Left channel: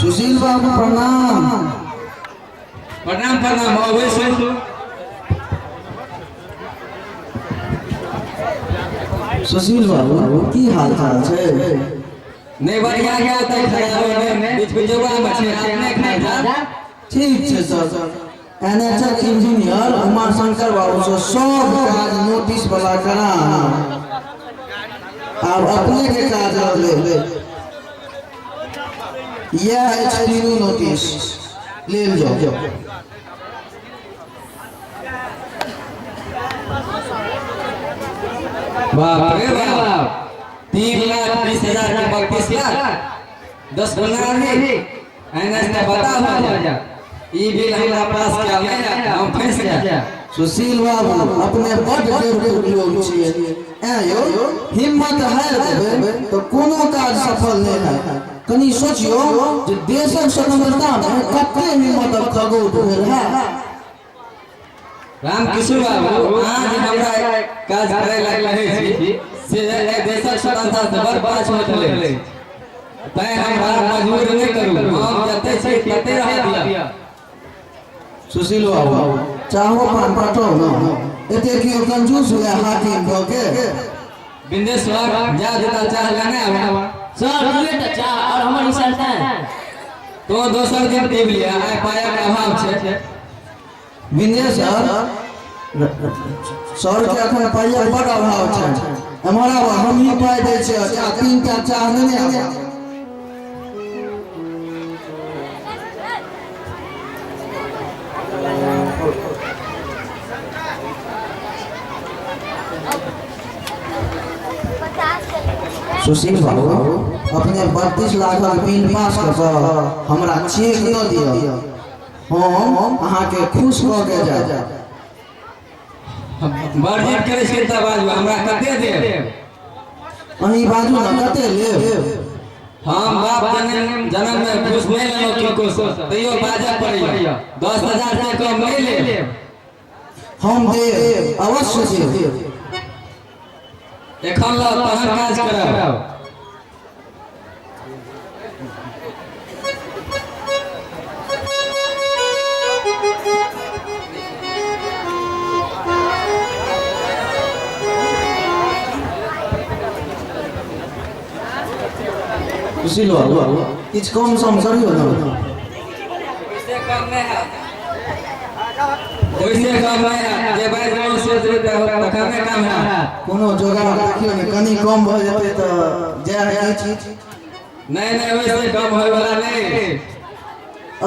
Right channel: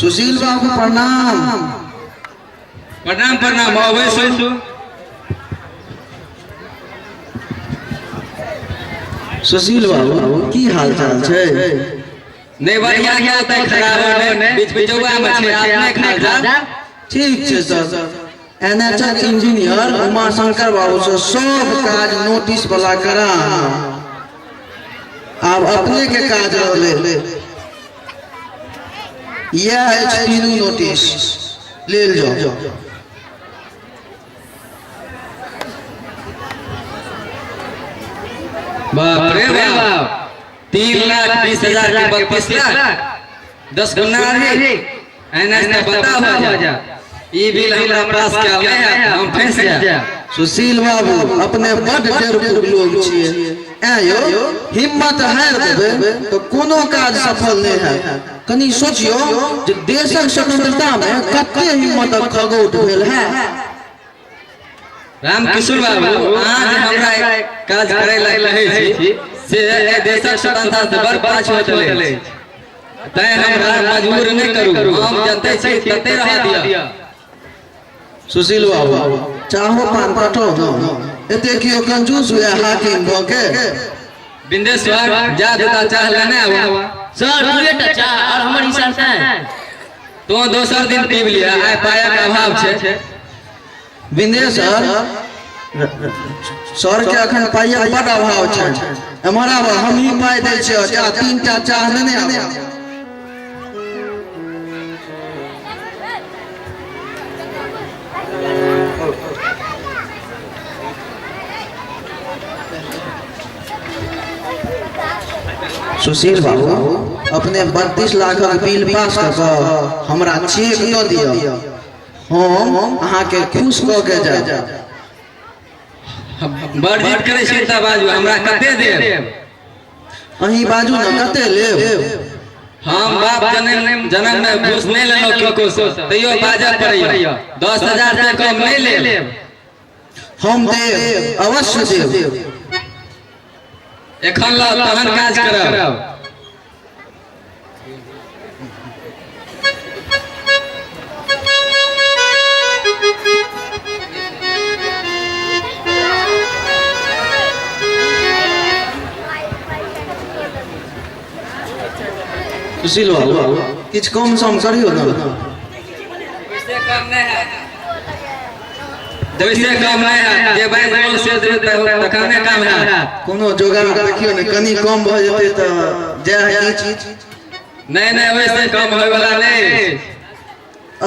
सुशील बाबू प्रणाम। प्रणाम प्रणाम अवश्य। सुशील बाबू की हाल चाल छे? नहीं बढ़िया क्या होता है खराब ने बीच बीच में मछली आपने खा जा। ठीक छे sir. NHL engineer Uma Shankar Babu से सब काज नोटिस वाला करा। अब अपने के काज ले यह एचपीयू नोटिस ले जाओ। बाप रे बाप 3,20,000 के 32 लाख 10 गुना है। एनएस का बता हो जा ई बिल हमरा पास क्या है हम फंस जा। सुशील बाबू अपने बड़ बेवकूफ लोग छिए। आयो हिम्मत है देबे तो कोनो काज सफल नहीं है। कनी सोचियो जे देशक स्वतंत्रता में कते हिम्मत खगोट भेल है। राम किशोर बाबू आज हमरा काज करे लगे छी से देशक स्वतंत्रता से बड़ पाछ हो चले तै हमरा मजबूर नहीं करू हम जते छी तते रह दिया। सुशील बाबू चाहो पान काटो न एते कियो कंजूस हुआ हाकिम भ के बिंदेश्वर जा देता चाह लेने आवा सर दुएटा चाह और हमर हिसाब से तो दोसर दिन पीब लिया आय पाया का अभाव छे। बिंदेश्वर सर के अखन पाया बड़ अभाव छे। हमारा हम ही पाई दे छे आ 3टा चाह लेने आवा। सुशील बाबू अपने 32 लाख बिल पास कर हमरा चेक दो दियो हम अहाँ के खुश क के जा। बड़ जीत करे छी त बाजू हमरा कते देब अही बाजू न कते लेब। हम बाप जन्म में घूस नहीं लेलो किनको से तैयो बाजा पड़ैया 10,000 से कम नहीं लेब। हम देब अवश्य देब। एखन ला तहन काज करब। सुशील बाबू किछ कम सम करियो न। इससे कम नहीं है जैसे कम नहीं है जे बैंक लोन से देते हो तखने काम है। कोनो जोगाड़ देखियो न कनी कम भ जते त जे है ई चीज नहीं वैसे कम होय वाला नहीं।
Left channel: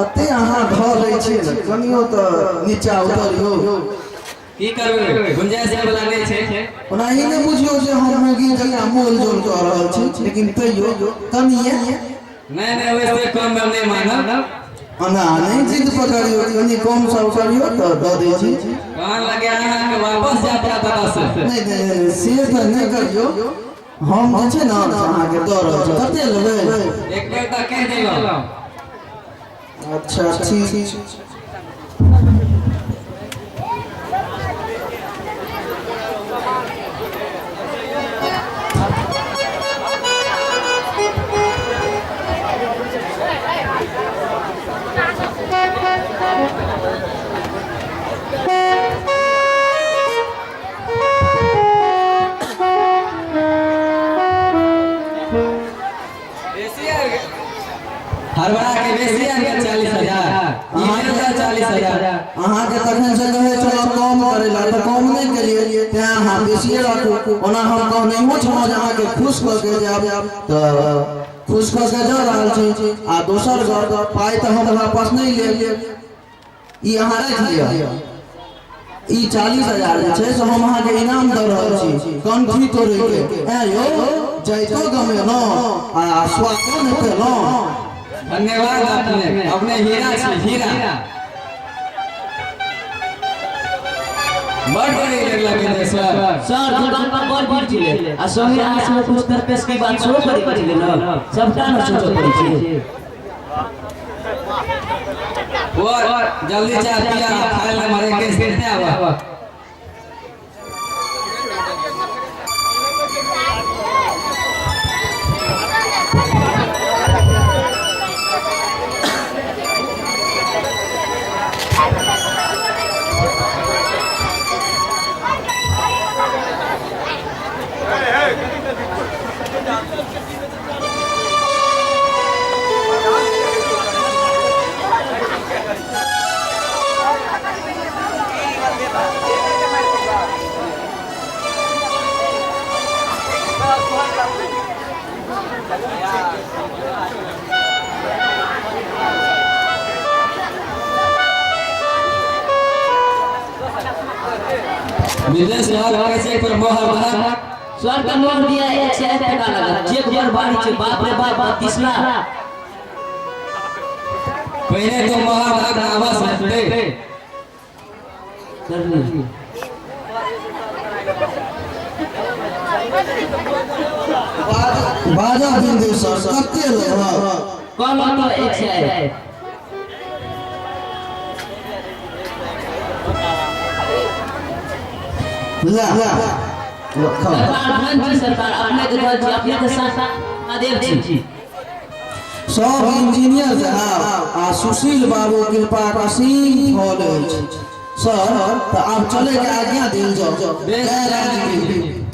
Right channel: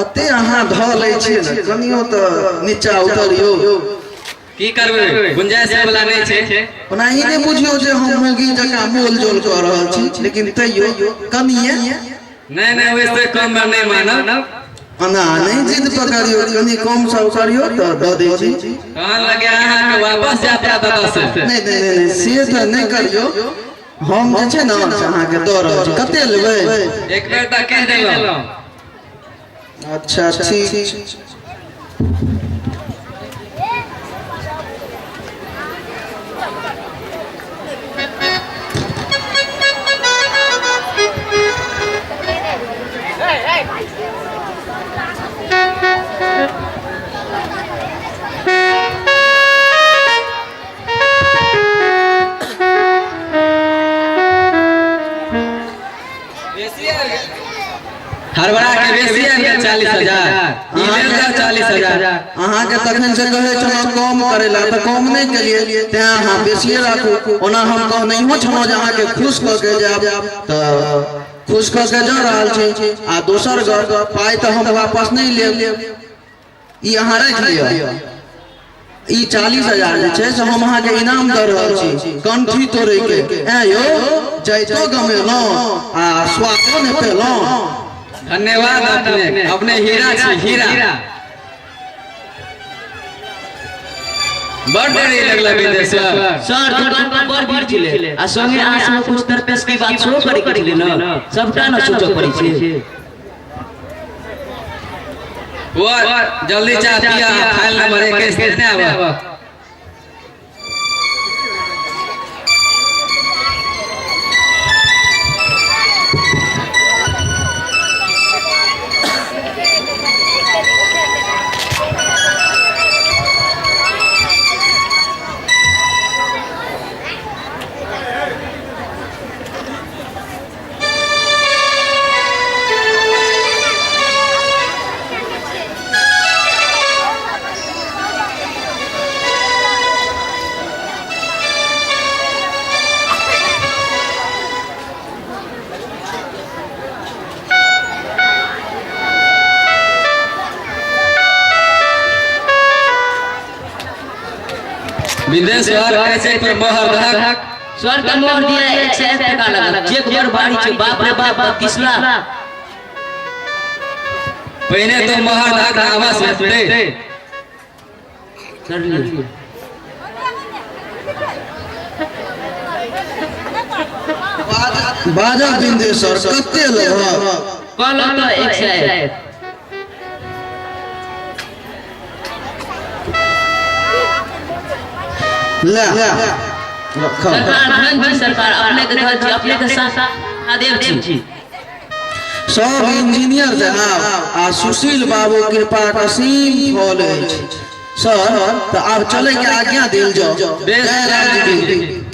अते अहाँ ध ले छी न कनियो त नीचा उतरियो की करबे गुंजाइश वाला नहीं छे। ओना ई नहीं बुझियो जे हम मोगी जका मोल जोल कर रहल छी लेकिन तैयो कनिए नहीं वैसे कम नहीं मानब। अना नहीं जिद पकड़ियो कनी कम सा करियो त द दे छी। कहां लगे अहाँ के वापस जाता दादा से नहीं से त नहीं करियो हम जे छै न अहाँ के द रहल छी। कते लेबै एक बेर त कह देलौ। अच्छा ठीक हरबरा के बेसी है 40,000 ई लेल 40,000 अहाँ के तखन से कहे छलो कम करेला त कम नहीं केलिए ते अहाँ बेसी राखू। ओना हम कह नहीं हो छलो जे अहाँ के खुश क के जाब त खुश क के जा रहल छी। आ दोसर गप पाई त हम वापस नहीं लेब ई अहाँ राख लियो। ई 40,000 जे छै से हम अहाँ के इनाम द रहल छी कंठी तोड़े के। ए यो जैतो गमेलो आ स्वादो ने पेलो। धन्यवाद अपने हीरा छी हीरा। बड़ डरी लगला बिंदेश्वर सर दुकान पर बड़ भीड़ छिले आ संगे आ सब कुछ तरपेस के बात शुरू करी न सबटा न सोचो पड़ी छी। वो जल्दी चाह दिया फाइल नंबर 21 कितने आवा। विदेश ऐसे पर मोहर धक स्वर का मोहर दिया 101 टका लगा चेक बर बाड़ी छे बाप रे बाप 30 लाख पहले तो मोहर धक आवाज में कर ली बाजा बिंदेश्वर कते लोग कहलो तो 101 ले सरकार धन सरकार अपने के घर जी अपने के साथ आदेव जी सब इंजीनियर जहां आ सुशील बाबू कृपा असीम फल अछि सर तो आप चले के आज्ञा दिल जाओ बेस